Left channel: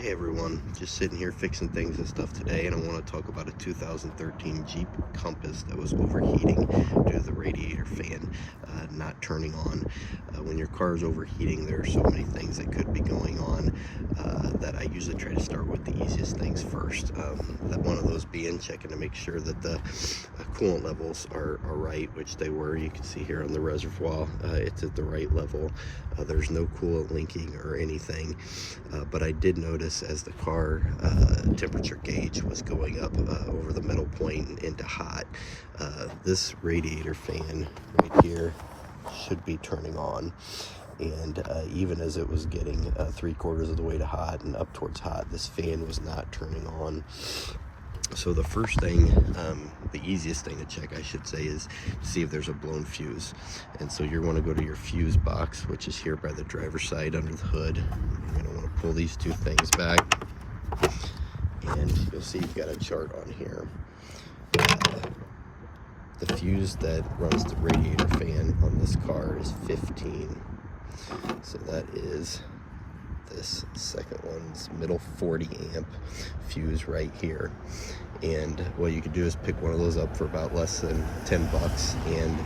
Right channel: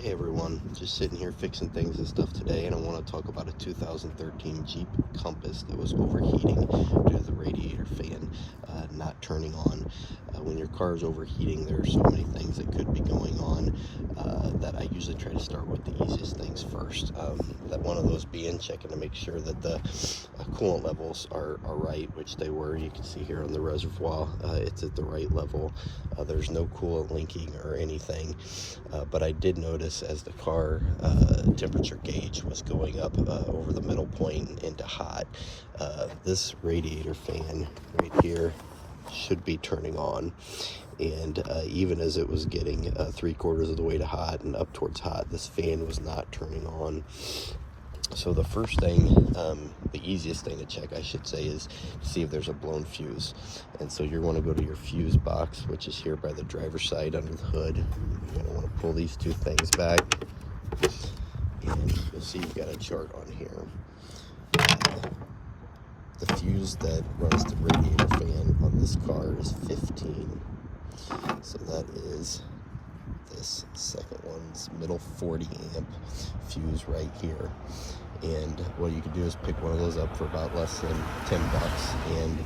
Hey everyone, just sitting here fixing things and stuff today, and I want to talk about a 2013 Jeep Compass that was overheating due to the radiator fan not turning on. When your car is overheating, there are so many things that could be going on that I usually try to start with the easiest things first. That one of those being checking to make sure that the coolant levels are right, which they were. You can see here on the reservoir, it's at the right level. There's no coolant leaking or anything, but I did notice as the car temperature gauge was going up over the middle point into hot, this radiator fan right here should be turning on. And even as it was getting 3/4 of the way to hot and up towards hot, this fan was not turning on. So the first thing, the easiest thing to check, I should say, is to see if there's a blown fuse. And so you're going to go to your fuse box, which is here by the driver's side under the hood. You're going to want to pull these two things back, and you'll see you've got a chart on here. The fuse that runs the radiator fan on this car is 15. So that is this second one's middle 40 amp fuse right here. And what you could do is pick one of those up for about less than 10 bucks and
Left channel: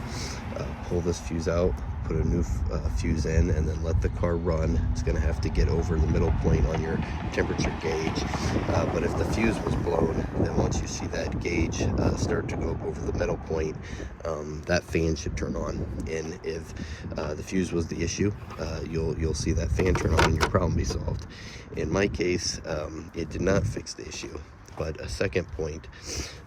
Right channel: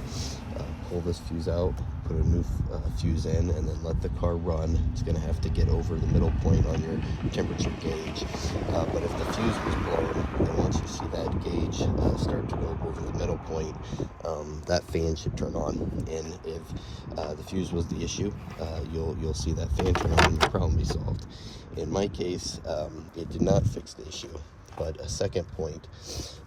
pull this fuse out, put a new fuse in, and then let the car run. It's going to have to get over the middle point on your temperature gauge, but if the fuse was blown, then once you see that gauge start to go up over the middle point, that fan should turn on. And if the fuse was the issue, you'll see that fan turn on and your problem be solved. In my case, it did not fix the issue. But a second point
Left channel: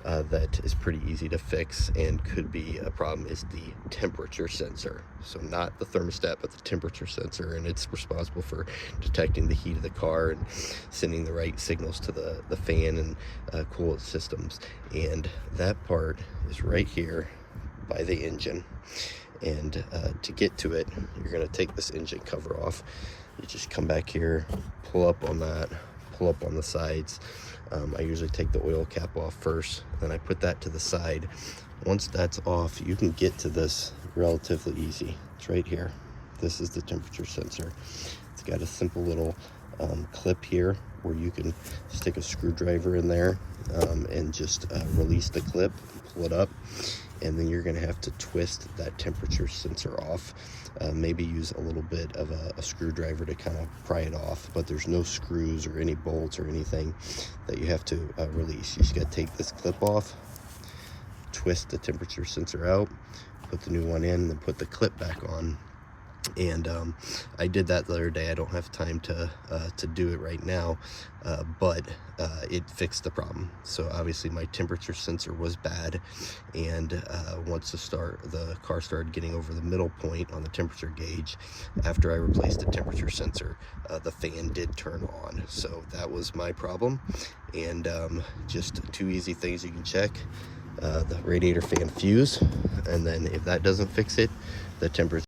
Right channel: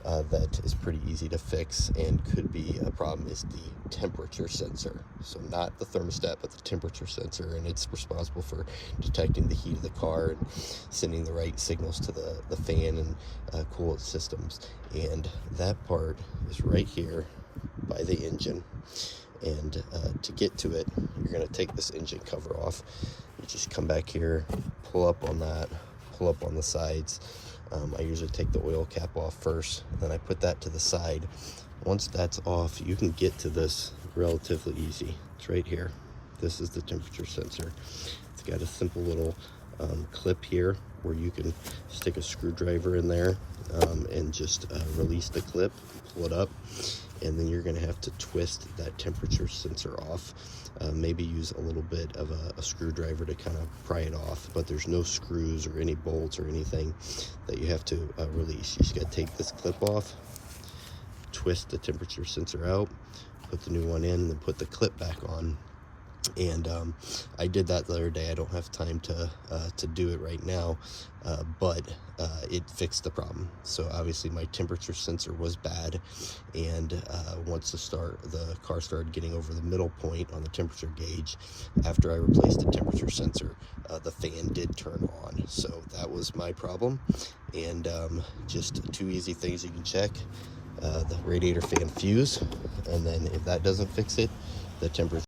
that is pretty easy to fix and could be a problem is the temperature sensor. So not the thermostat, but the temperature sensor, and it's responsible for detecting the heat of the car and sending the right signals to the fan and coolant systems. And that part is right here by the engine. And to get to it, you're going to take this engine cover off. You just come back here, pull up on that, pull up on the sides. I usually take the oil cap off first, then I put that to the side. Once that's off, you can get to this relatively easy. It's right here. This is the temperature sensor. It's got a simple little clip here where you can stick a screwdriver in there and just release the clip, pull it up, and then you're going to have to twist that temperature sensor off. Maybe use a little bit of a screwdriver to kind of pry it off, but there's no screws or any bolts or anything that you have to release. You just got to take this clip off, twist the temperature sensor out, put the new one in, then put the clip back on. And I did that the other day. I don't have time to do it right now, but it fixed the problem. So obviously my temperature sensor was bad, and once the car started getting over the middle point on the temperature gauge, after I replaced the temperature sensor, the fan did turn on. So that was my problem. And just two easy things you can check: the radiator fan fuse, and then if that doesn't fix it, the temperature